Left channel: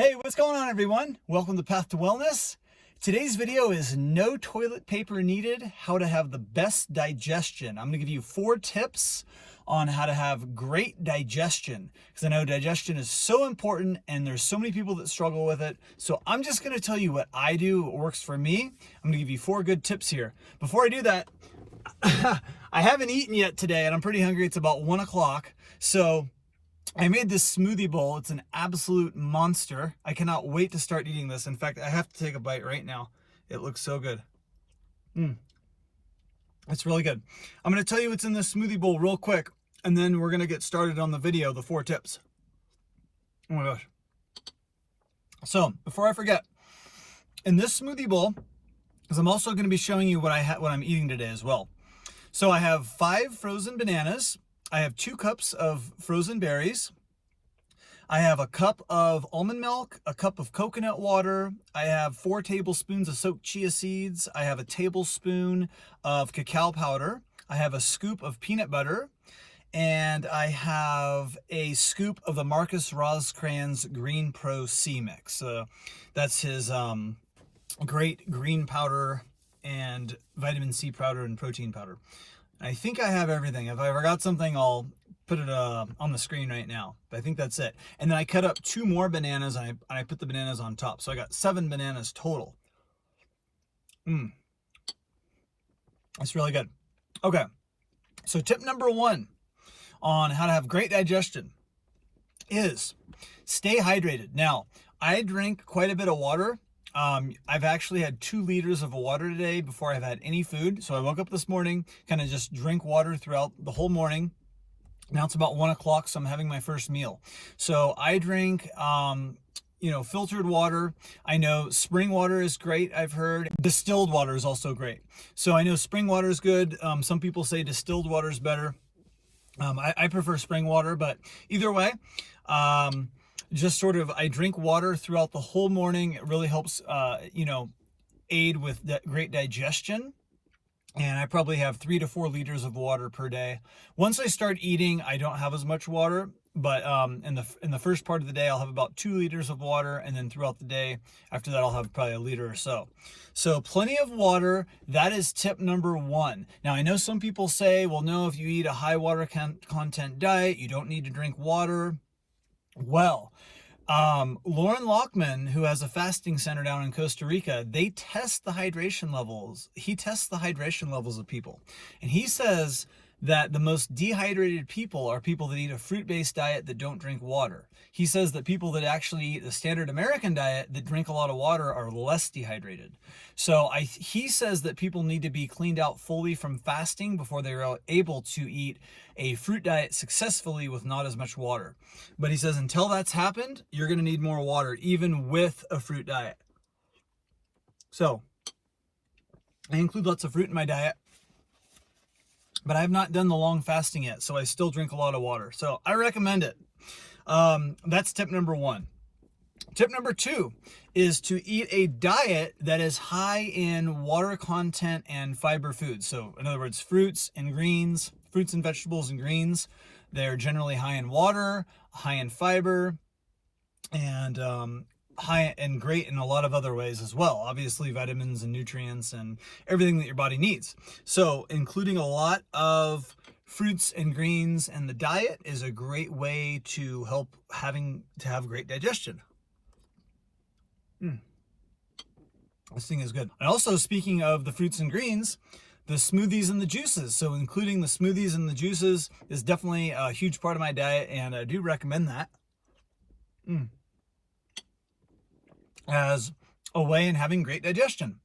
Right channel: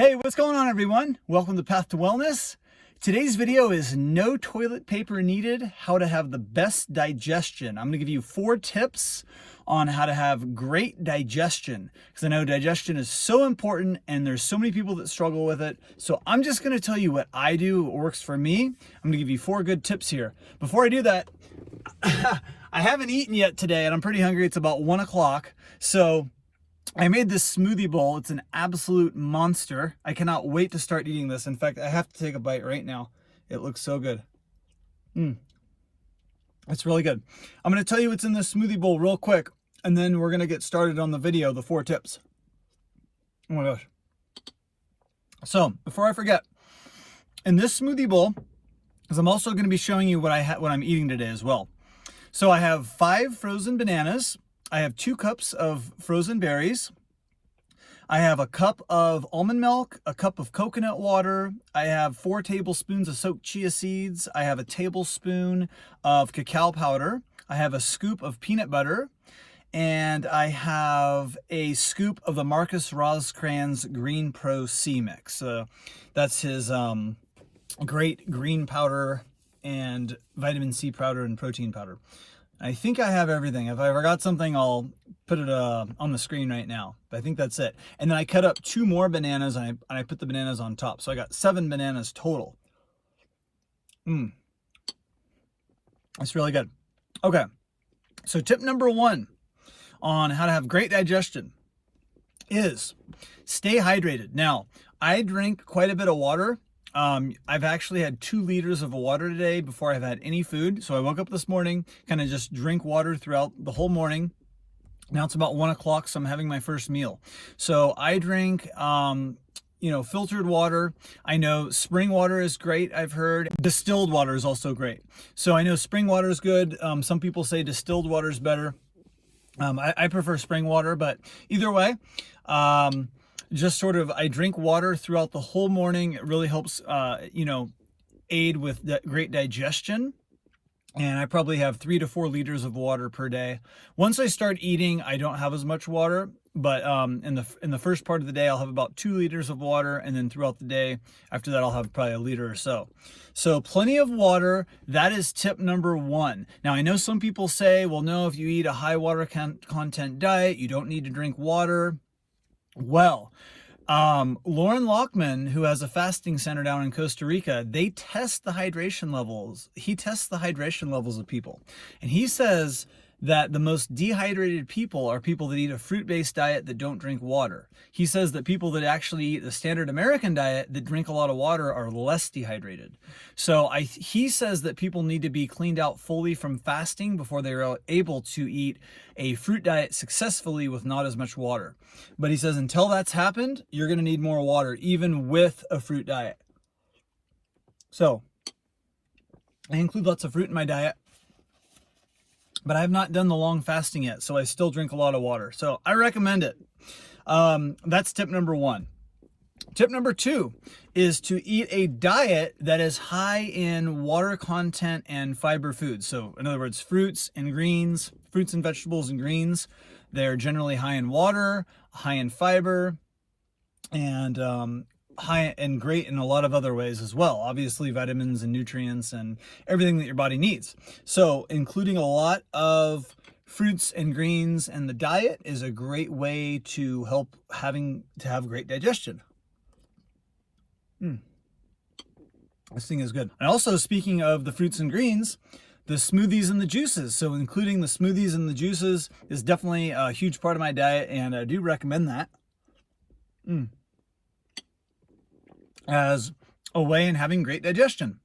Hey, what's going on, everyone? Welcome to Path to Wellness. Today's video is no toilet paper needed, how to have the best digestion. I'm going to give you 4 tips on how to have great digestion, because I know digestion is so important and there's so many people that struggle with it. So I'm just going to tell you what I do, what works for me. I'm going to give you 4 good tips here. Before I do that, I haven't eaten yet today and I'm pretty hungry. It's about 1 o'clock. So I made this smoothie bowl. It's an absolute monster. I cannot wait to start eating this. In fact, I have to take a bite right now. It looks so good. It's really good. I'm going to tell you what's in this smoothie bowl real quick, and then we're going to get started on the video, the 4 tips. Oh my gosh. So, before I forget, in this smoothie bowl, because I'm also going to be showing you what I'm eating today as well. So I have 5 frozen bananas. I have 2 cups of frozen berries. I have a cup of almond milk, a cup of coconut water. I have 4 tablespoons of soaked chia seeds. I have a tablespoon of cacao powder. I have a scoop of peanut butter. And I have a scoop of the Marcus Roscrans Green Pro C Mix. That's his great green powder and vitamin C powder and protein powder. I think I have everything. If I forgot something, I'll put it on the screen right now. But I think that's it. And then I cut up 2 more bananas and I put the bananas on top. So I got 7 bananas total. That's really good. Okay. So tip number 1 on how to have great digestion is stay hydrated. Now, I drink quite a bit of water. I've actually had 2 liters of water today before I've had any food. So I woke up this morning, kind of just drink water throughout the whole morning. Now it's about 1 o'clock, so I'm having my first meal. So I drink, filtered water. I know spring water is great, I've heard. Distilled water is also great. So I know spring water is good. Some people say distilled water is better. I prefer spring water, but either way, just sort of, I drink water throughout the whole morning. It really helps, aid with great digestion. And I probably have 3 to 4 liters of water per day. Once I start eating, I don't have as much water, but in the first part of the day, I'll have about 2 liters of water. And then throughout the day, after that, I'll have probably 1 liter or so. So plenty of water. That is tip number 1. Now, I know some people say, well, no, if you eat a high water content diet, you don't need to drink water. Well, Lauren Lockman, who has a fasting center down in Costa Rica, they test the hydration levels. He tests the hydration levels of people. And he says that the most dehydrated people are people that eat a fruit-based diet that don't drink water. He says that people that actually eat the standard American diet that drink a lot of water are less dehydrated. So he says that people need to be cleaned out fully from fasting before they're able to eat a fruit diet successfully with not as much water. But he says until that's happened, you're going to need more water, even with a fruit diet. So I include lots of fruit in my diet, but I have not done the long fasting yet, so I still drink a lot of water. So I recommend it. That's tip number 1. Tip number 2 is to eat a diet that is high in water content and fiber foods. So in other words, fruits and vegetables and greens. They're generally high in water, high in fiber, and high and great in a lot of other ways as well. Obviously, vitamins and nutrients and everything that your body needs. So including a lot of fruits and greens in the diet is a great way to help have great digestion. This thing is good. And also, speaking of the fruits and greens, the smoothies and the juices. So including the smoothies and the juices is definitely a huge part of my diet, and I do recommend that as a way in having great digestion.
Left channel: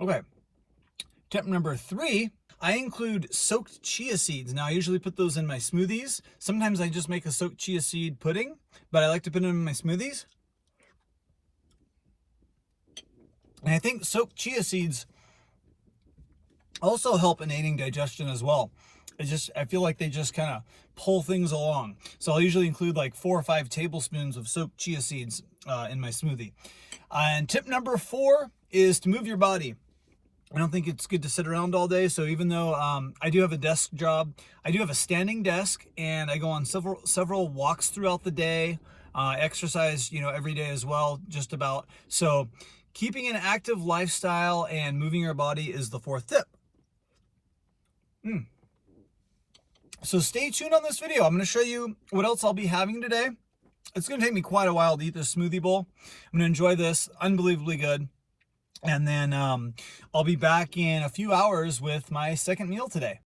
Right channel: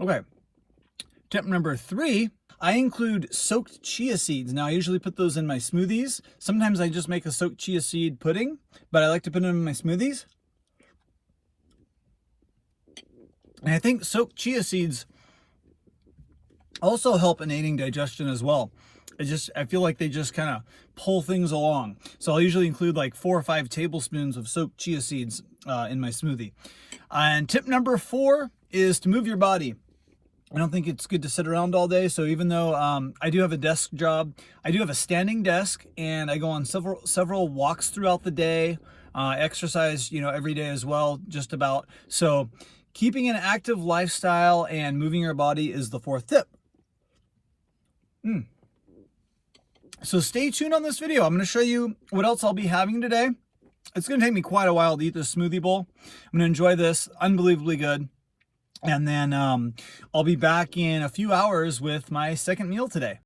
Okay. Tip number 3, I include soaked chia seeds. Now, I usually put those in my smoothies. Sometimes I just make a soaked chia seed pudding, but I like to put them in my smoothies. And I think soaked chia seeds also help in aiding digestion as well. I feel like they just kind of pull things along. So I'll usually include like 4 or 5 tablespoons of soaked chia seeds in my smoothie. And tip number 4 is to move your body. I don't think it's good to sit around all day. So even though I do have a desk job, I do have a standing desk, and I go on several walks throughout the day. Exercise, every day as well, just about. So keeping an active lifestyle and moving your body is the fourth tip. So stay tuned on this video. I'm going to show you what else I'll be having today. It's going to take me quite a while to eat this smoothie bowl. I'm going to enjoy this. Unbelievably good. And then I'll be back in a few hours with my second meal today.